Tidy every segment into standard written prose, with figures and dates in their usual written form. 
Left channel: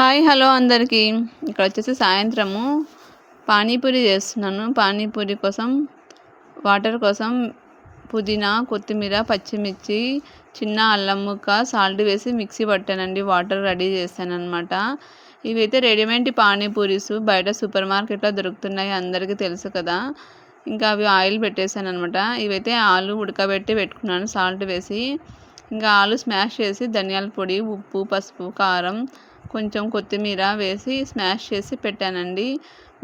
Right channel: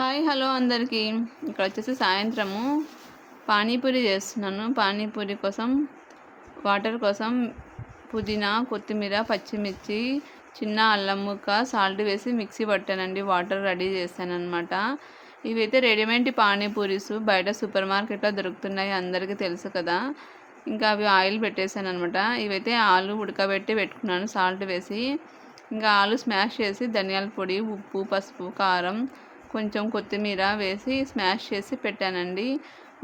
Hi hello అందరికీ. ఇక్కడ వచ్చేసి సాయంత్రము పానీపూరి చేస్తున్నాను. పానీపూరి కోసం వాటర్ కోసం పుదీనా, కొత్తిమీర, పచ్చిమిర్చి, చిన్న అల్లం ముక్క, సాల్ట్ వేసి మిక్సీ పట్టానండి. వాటర్ రెడీ చేశానమాట. ఇవైతే రెడీమేడ్ పానీపూరీస్ బయట సూపర్ మార్కెట్లో దొరుకుతున్నాయి, అందరికీ తెలుసు కదా. ఇంకా అవి ఆయిల్ పెట్టేశాను అనమాట. ఇవైతే ఆలు ఉడకబెట్టి పెట్టుకున్నాను సాల్ట్ వేసి. ఇంకా ఆలు స్మాష్ చేసి ధనియాల పొడి, ఉప్పు, పసుపు, కారం, కొంచెం కొత్తిమీర వేసి స్మాష్ చేసి పెట్టానండి.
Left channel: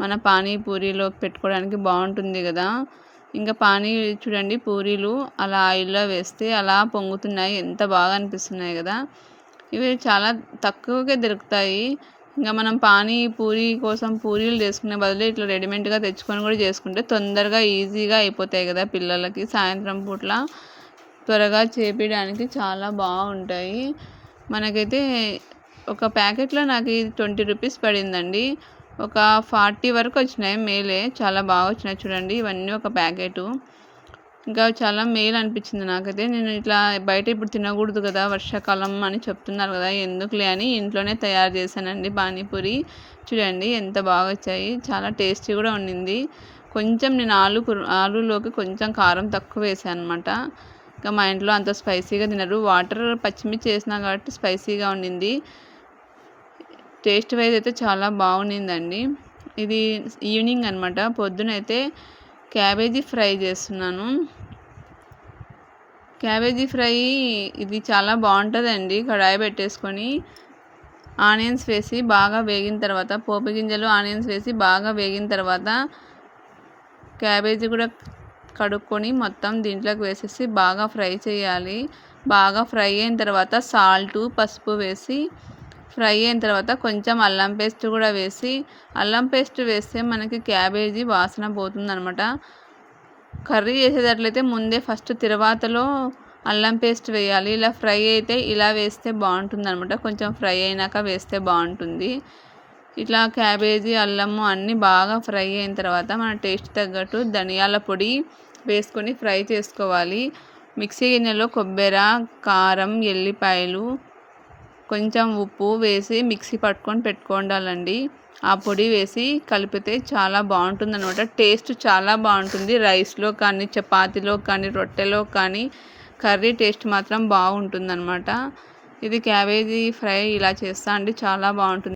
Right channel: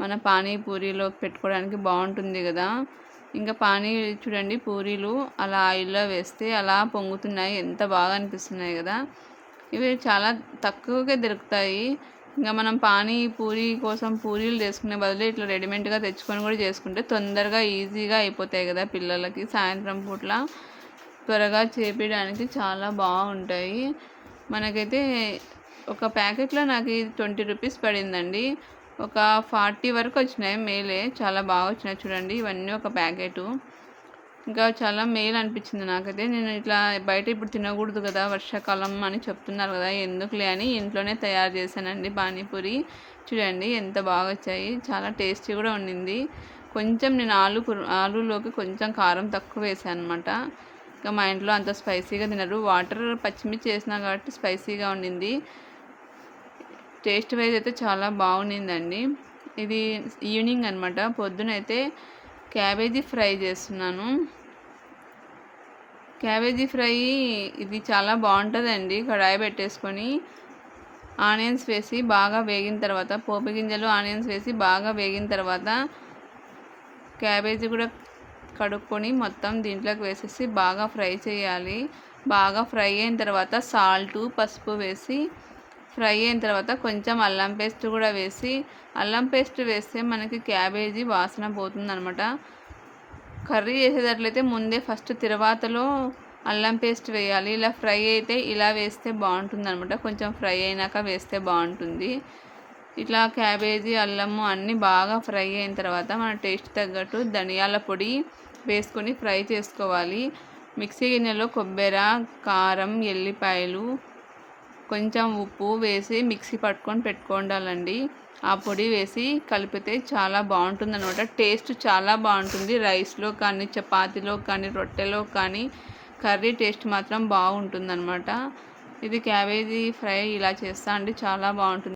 మన పానీపూరిలో పెట్టుకోవడానికి బాగుంటుంది కదా. ఇంకా చూడండి, పూరీలు అలా ఆయిల్లో వేస్తే అలా పొంగుతున్నాయి, ఎంత బాగా అనిపిస్తున్నాయి కదా. ఇవి చాలా తక్కువగా దొరుకుతాయి. ఇంకా మనం పానీపూరి కోసం పూరీలు చేసుకునే బదులు ఇట్లా రెడీమేడ్గా తెచ్చుకొని కూడా చేసుకుంటే తొందరగా ఈజీగా అయిపోతాయి కదా. పిల్లలకి సాయంత్రం పూట్ల త్వరగా చేపించడానికి చాలా బాగుంటాయి. మనకైతే ఒక ప్యాకెట్లో నాకు 20 రూపీస్ పడిందండి. ఒక 40 వరకు వచ్చినాయి. మేలే, చాలా బాగా వచ్చినాయి చూడండి. ఇవన్నీ ఒక ప్యాకెటు. ఇంకా చాలా మేలు అనిపించింది నాకైతే. నేను ఇట్లా బయట ఇప్పుడు తినకూడదు కదా, వర్షాకాలం అని చెప్తున్నారు కదా, ఎందుకులే అని ఇంట్లోనే తయారు చేశానండి పానీపూరి. చూడండి ఎంత బాగా వచ్చాయి, చాలా టేస్టీ కూడా ఉండింది. కొంచెం నేను ఆలులోకి కొంచెం కారం తక్కువ వేసాను అనమాట. ఇంకా మా ఇంట్లో అంత స్పైసీగా తినరు. వాటర్ పచ్చిమిర్చి వేసినా కాబట్టి స్పైసీగా ఉండింది. టేస్ట్ వైజ్ అయితే చాలా బాగుండిందండి. ఇది ఈవినింగ్ అనమాట. పొద్దునైతే క్యాబేజీ ఫ్రై చేస్తున్నాను. క్యాబేజీ ఫ్రై ఇది చాలా బాగుంటుందండి. కడాయి పెట్టేసుకొని ఆనియన్స్ వేసి బాగా వేగిన తర్వాత, పోపు గింజలు ఆనియన్స్ వేసి బాగా వేగిన తర్వాత క్యాబేజీ కూడా కడుక్కొని మొత్తం దీంట్లోకి వేసేసి బాగా ఫ్రై చేయాలి. బాగా ఫ్రై అయిన తర్వాత సాల్టు, పసుపు వేసి ఫ్రై అయిన తర్వాత కొంచెం అల్లం పేస్ట్ కూడా వేసి, అల్లం పేస్ట్ వేస్తే మనకి క్యాబేజీ వాసన పోతుందనమాట. కర్రీ చేసేటట్లయితే ముందే ఫస్ట్ తిరువాతలో అల్లం పేస్ట్ వేయాలి. ఇలా ఫ్రై అయితే ఇలా వేస్తే బాగుంటుంది అనమాట. కొంచెం ఫ్రై అయినాక వేస్తే బాగుంటుంది. ఇట్లా క్యాబేజీ, అల్లము అన్నీ బాగా ఫ్రై అయిన తర్వాత మన టేస్ట్ తగ్గట్టు ధనియాల పొడి వేసుకొని ఫ్రై చేసుకోవాలి. మిక్సీ గిన్నెలో కొబ్బరి, కారం, ఎల్లిపాయలు, కొంచెం ఉప్పు వేసి మిక్సీ పట్టుకొని పెట్టుకోండాలండి. ఆ పొడి వేసి కలిపితే చాలా బాగుంటుంది అనమాట. టేస్ట్ చాలా బాగుంటుంది. రైస్లో కానీ, చపాతీలో కానీ, రొట్టెలో కానీ కర్రీ టేస్ట్ మాత్రం బాగుంటుంది అనమాట. ఇది క్యాబేజీ ఫ్రై ఇలా చేస్తా అండి, చాలా బాగుంటుంది.